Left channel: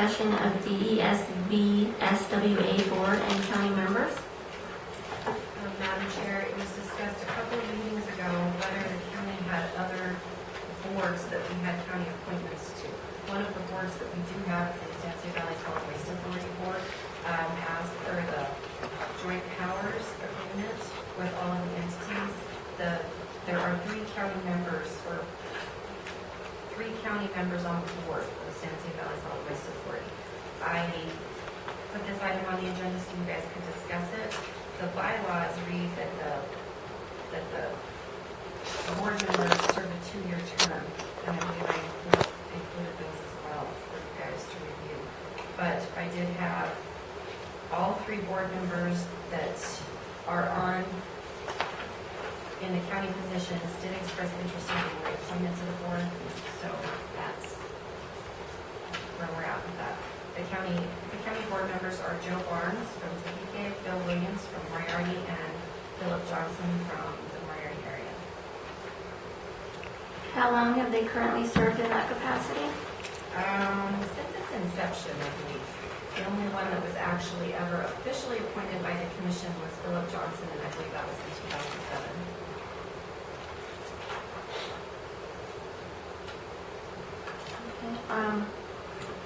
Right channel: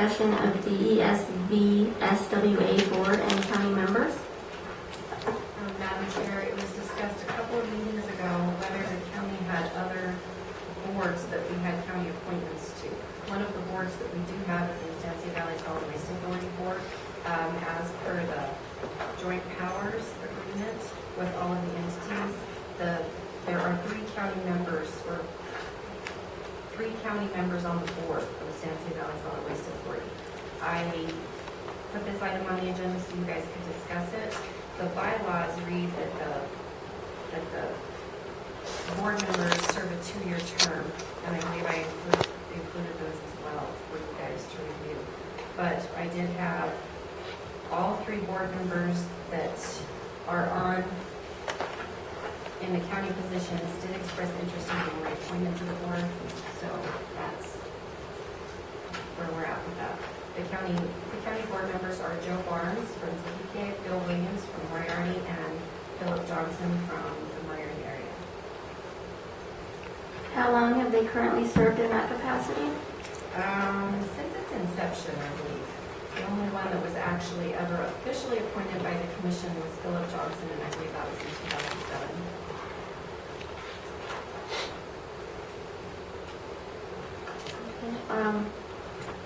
discussion of the ESB SWA board and county members. Madam Chair, it was discussed a couple of meetings ago whether the county had other boards that we had county appointments to. One of the boards that we do have is the Estancia Valley Solid Waste Authority Board. As per the joint powers agreement with all of the entities, there are three county members on the board of the Estancia Valley Solid Waste Authority. I put this item on the agenda so you guys could discuss it. The bylaws read that the board members serve a 2-year term, and I believe I included those as well for you guys to review. But I did have all 3 board members that are on in the county positions did express interest in being reappointed to the board, so that's where we're at with that. The county board members are Joe Barnes from Tahike, Bill Williams from Moriarty, and Philip Johnson from the Moriarty area. How long have they currently served in that capacity? Since its inception, I believe. The only one that was actually ever officially appointed by the commission was Philip Johnson, and I believe that was in 2007. Okay.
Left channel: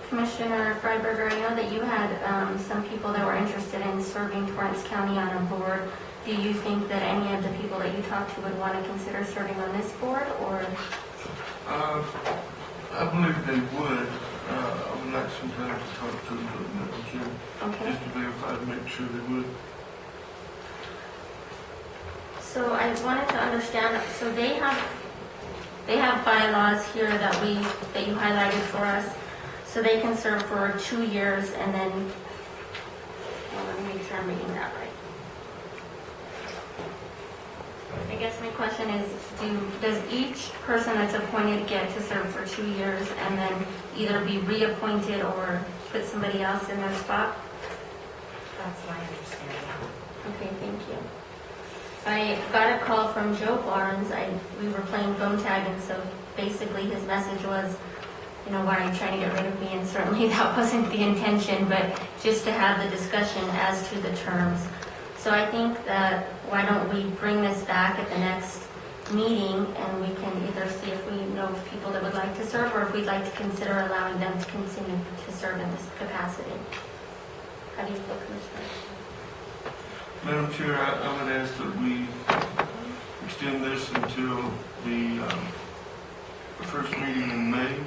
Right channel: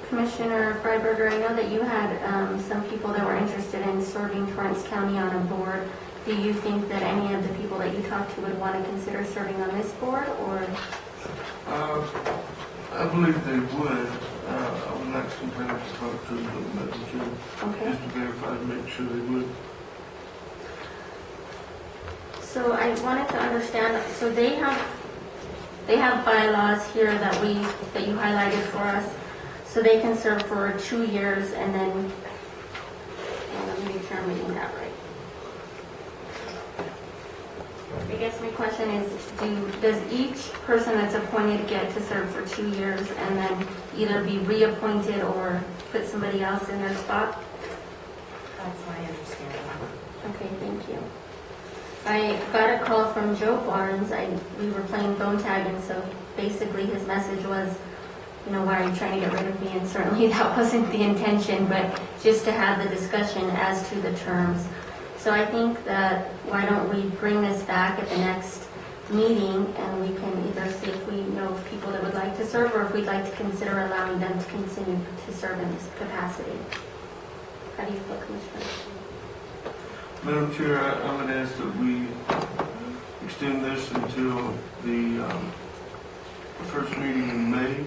Commissioner Freiberger, I know that you had some people that were interested in serving Torrance County on a board. Do you think that any of the people that you talked to would want to consider serving on this board, or? I believe they would. I would like some time to talk to them, Madam Chair, Okay. just to verify to make sure they would. So I wanted to understand, so they have bylaws here that you highlighted for us. So they can serve for 2 years and then, let me make sure I'm reading that right. I guess my question is, does each person that's appointed get to serve for 2 years and then either be reappointed or put somebody else in their spot? That's my understanding. Okay, thank you. I got a call from Joe Barnes. We were playing phone tag, and so basically his message was, why are you trying to get rid of me? And certainly that wasn't the intention, but just to have the discussion as to the terms. So I think that why don't we bring this back at the next meeting, and we can either see if we know of people that would like to serve, or if we'd like to consider allowing them to continue to serve in this capacity. How do you feel, Commissioner? Madam Chair, I'm going to ask that we extend this until the first meeting in May.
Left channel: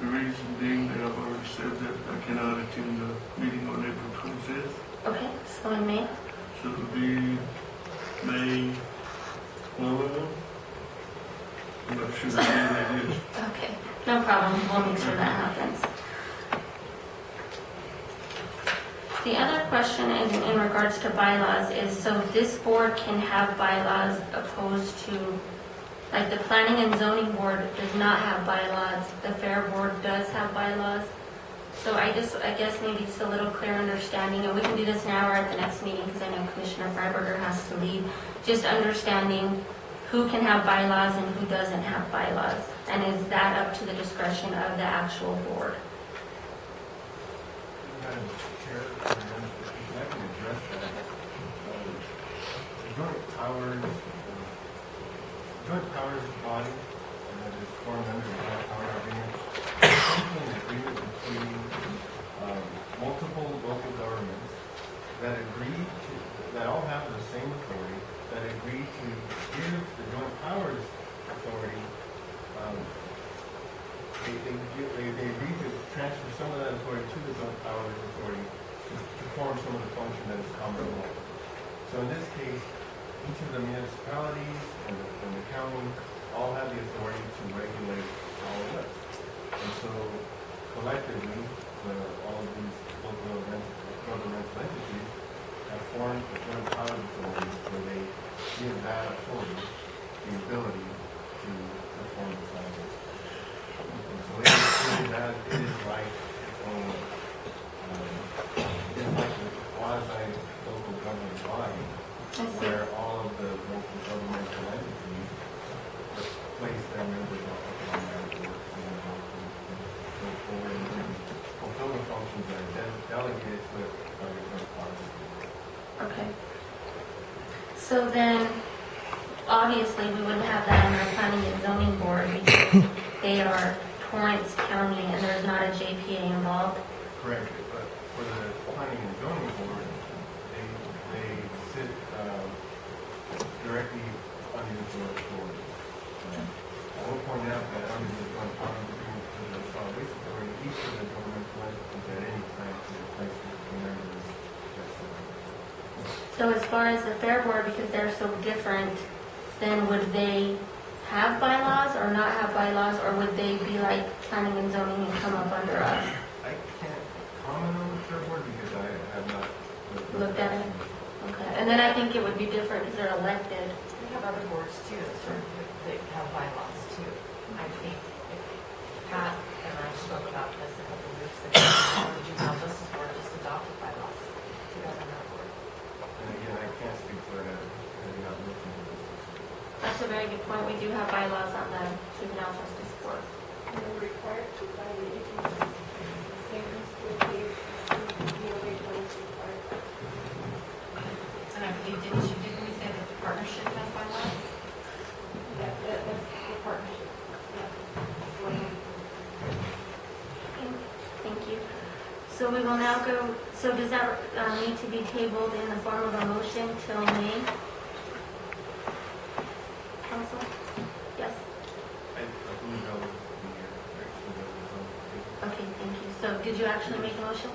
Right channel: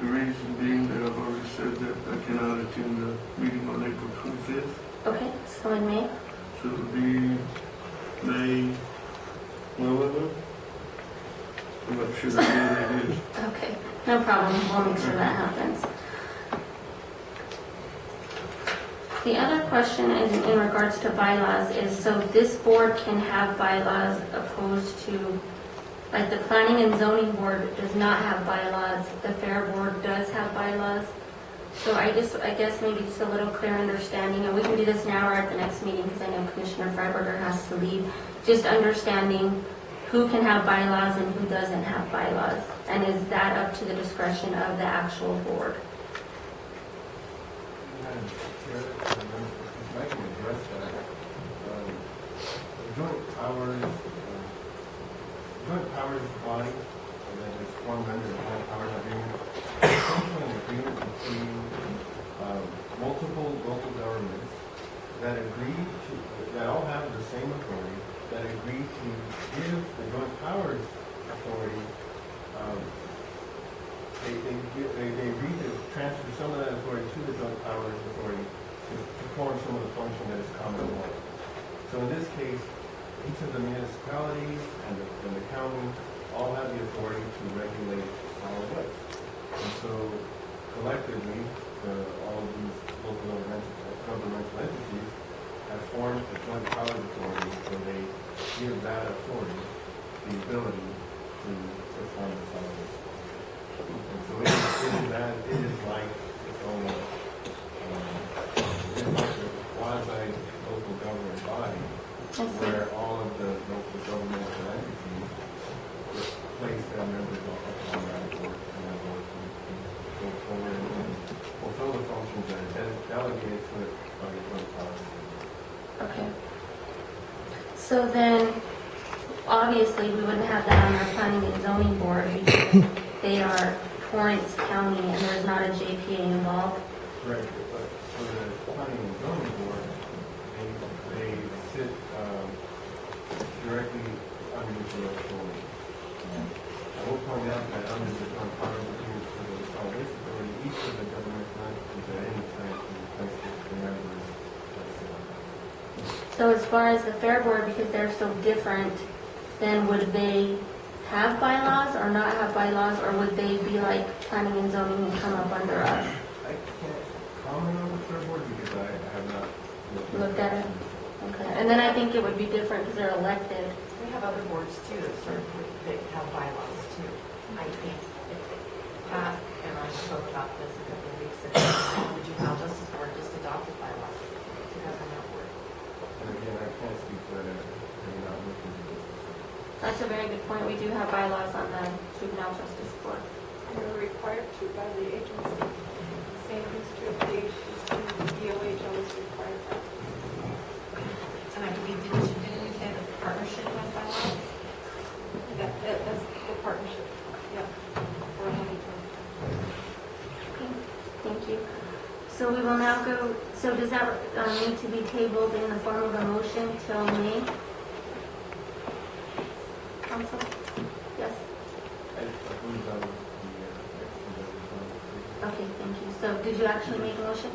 The reason being that I've already said that I cannot attend the meeting on April 25th. Okay, so in May? So it'll be May 11th. I'm not sure what day it is. Okay, no problem. We'll make sure that happens. The other question is in regards to bylaws is, so this board can have bylaws opposed to, like the Planning and Zoning Board does not have bylaws, the Fair Board does have bylaws. So I guess maybe just a little clear understanding, and we can do this now or at the next meeting because I know Commissioner Freiberger has to lead, just understanding who can have bylaws and who doesn't have bylaws. And is that up to the discretion of the actual board? Madam Chair, if I can address that. The joint powers body that is formed under the joint powers agreement is essentially an agreement between multiple local governments that that all have the same authority, that agree to give the joint powers authority. They agree to transfer some of that authority to the joint powers authority to form some of the function that is common to all. So in this case, each of the municipalities and the county all have the authority to regulate solid waste. And so collectively, all of these local governmental entities have formed a joint powers authority where they give that authority the ability to perform the solid waste. And so it is like its own, it is like a quasi-local government body where all of the local governmental entities place their members on that work, and that work can go forward and fulfill the functions that are delegated to it by the joint powers. Okay. So then, obviously, we wouldn't have that on our planning and zoning board because they are Torrance County and there's not a JPA involved. Correct, but for the planning and zoning board, they sit directly under the joint authority. I will point out that under the joint powers agreement for the solid waste authority, each of the governmental entities at any time can replace the members. So as far as the fair board, because they're so different, then would they have bylaws or not have bylaws, or would they be like planning and zoning and come up under us? I can't comment on the fair board because I have not Looked at it? Okay, and then I think it would be different because they're elected. We have other boards too, that have bylaws too. I think if Pat and I spoke about this a couple of weeks ago, the Juvenile Justice Board just adopted bylaws to govern that board. And again, I can't speak to that, having not looked into this. That's a very good point. We do have bylaws on the Juvenile Justice Board. They're required to by the agency. Same history of the HPC, DOH always required that. And I believe, didn't we say that the partnership has bylaws? That's the partnership, yeah. For 120. Okay, thank you. So we will now go, so does that need to be tabled in the form of a motion till May? Council? Yes? I believe that was the action that was on the table. Okay, thank you. So did you actually make a motion?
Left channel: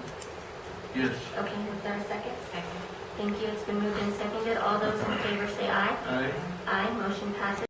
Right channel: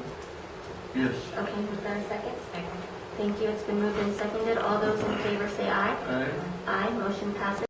Yes. Okay, was there a second? Second. Thank you. It's been moved and seconded. All those in favor say aye. Aye. Aye, motion passes.